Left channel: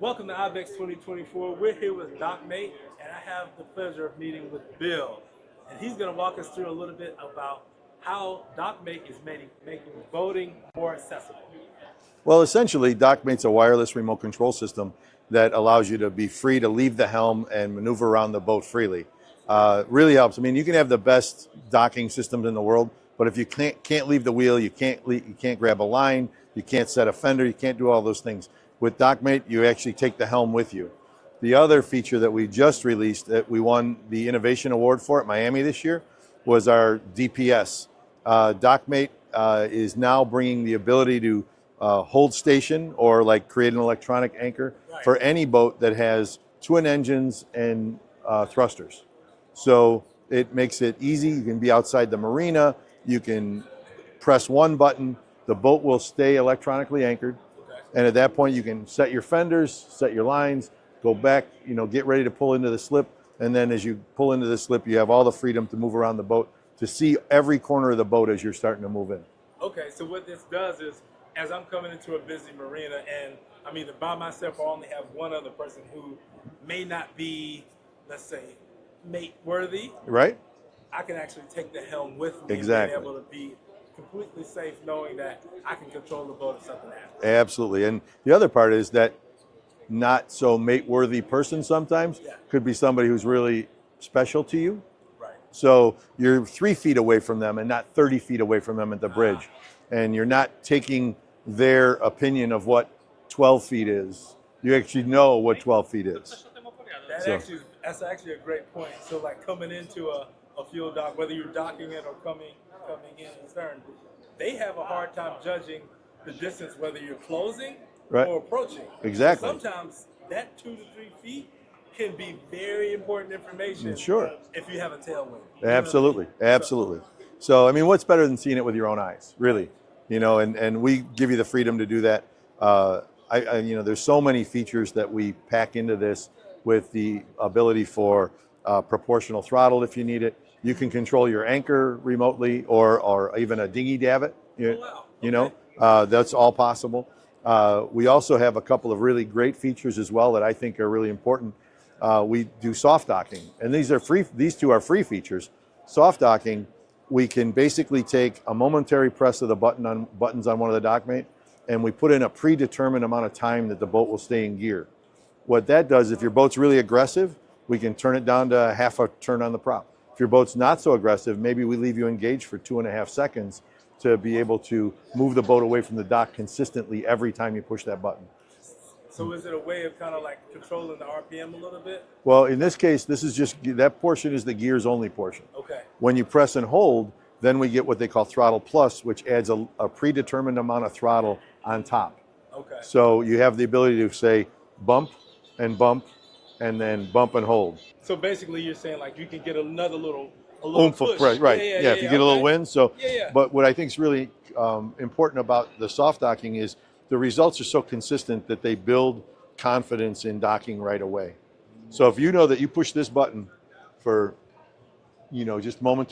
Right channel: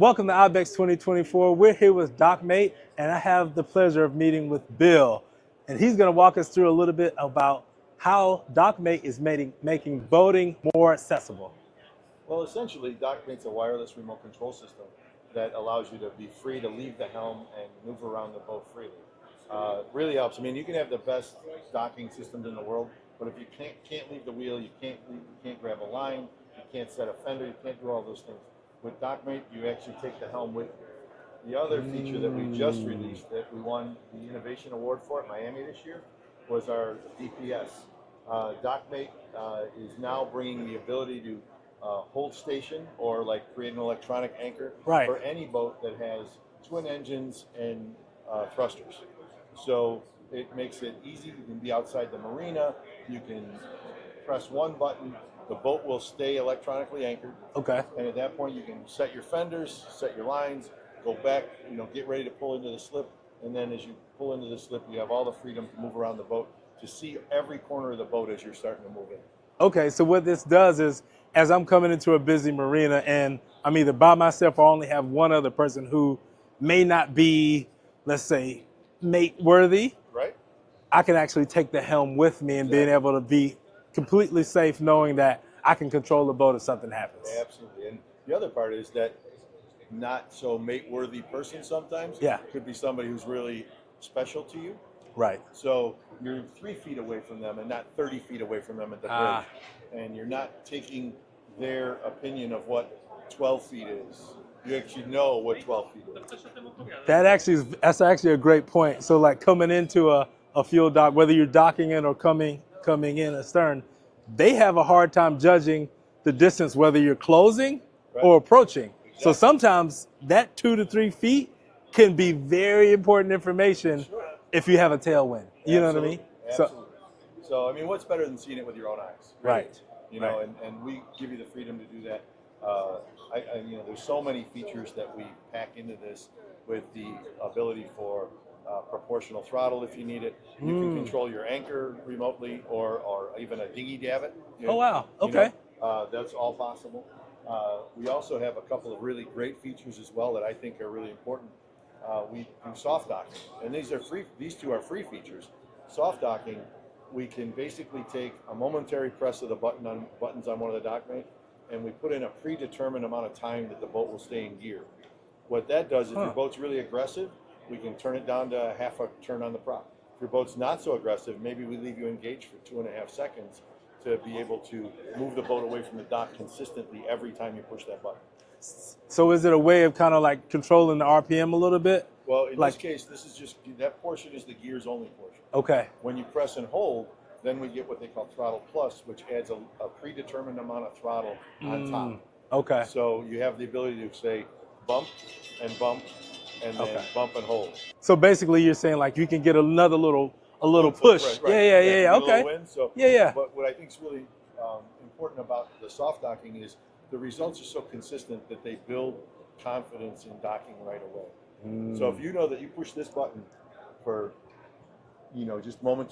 Welcome to IBEX 2024. We're here with Dockmate, and I have the pleasure of meeting with Bill. And he's going to walk us through a little bit about how Dockmate is making boating more accessible. Well, essentially, Dockmate's a wireless remote control system that allows you to be free to leave the helm and maneuver around the boat freely. Really helps. I mean, you can have the best docking systems in the world, but if you can't leave the wheel, you can't grab a line, you can't set a fender, you can't do all those things. With Dockmate, you actually take the helm with you. The other feature that we just released that we won the Innovation Award for at Miami this year was our DPS. Dockmate is now bringing the ability to hold station or like create an electronic anchor for any boat that has twin engines and thrusters. So it makes it easy. You can be outside the marina. You can press one button. The boat will stay electronically anchored. Okay. And at that point, you can set your fenders, set your lines, go back, get ready to pull into the slip. And then as you pull into the slip, you have all the freedom to move around the boat to see every corner of the boat as you're starting to move in. Okay, so what this does is, as I'm coming into a busy marina and I'm either by myself or only have one other person who may not be, let's say, mate worthy, right? I can actually take the helm with me and being able to be completely safe knowing that I can control the boat if something happens. Absolutely. And the other part is that not so mate worthy person sometimes could be somebody who's really special to you. Right. So you're 3 feet away from them and not 30 feet away from them at the bridge. And you're not taking their opinion of what 12 feet is. You actually know what 12 feet is. That's actually a great point. So like coming into a fuel dock, whether you're docking in or coming in astern, they have a hard time judging the distance, whether you're closing or approaching. Exactly. So sometimes that 2 to 3 feet can be very important information if you have a tailwind. Absolutely, absolutely. So, I mean, what's better than seeing it with your own eyes, really? Right. And we give you the freedom to do that. There's so many features that we pack into this with the ability for proportional throttle if you need it. You can control your anchor remotely or even a dinghy davit. Oh, wow. Okay. That's all possible. We also have a couple of really great features as well that I think are really important. We do soft docking, and these are free. These two are free features. Soft docking, we can basically take a momentary press of the buttons on one of the Dockmate, and we put in a predetermined amount of time that the boat will stay in gear. What that does, if your boat's really aggressive, we can turn it down to half a turn on the prop. If your boat's not so aggressive, maybe we leave you engaged for 2.5 seconds to be able to move the boat away from the dock consistently every time you push that button. So is it a way of kind of like controlling the RPM a little bit? Well, in this case, this is just, that portion is the gears only portion. Okay. When you press and hold, then we get what they call throttle plus, which adds a predetermined amount of throttle on top. Okay. So you have the ability to say bump and then bump and hold. So basically you're saying like you can get another little push. Right. Yeah, if you get a little wind. So yeah. But what I think is really important about the soft docking is the results are so consistent that they build confidence in docking right away. So if you know that you push this button for just momentarily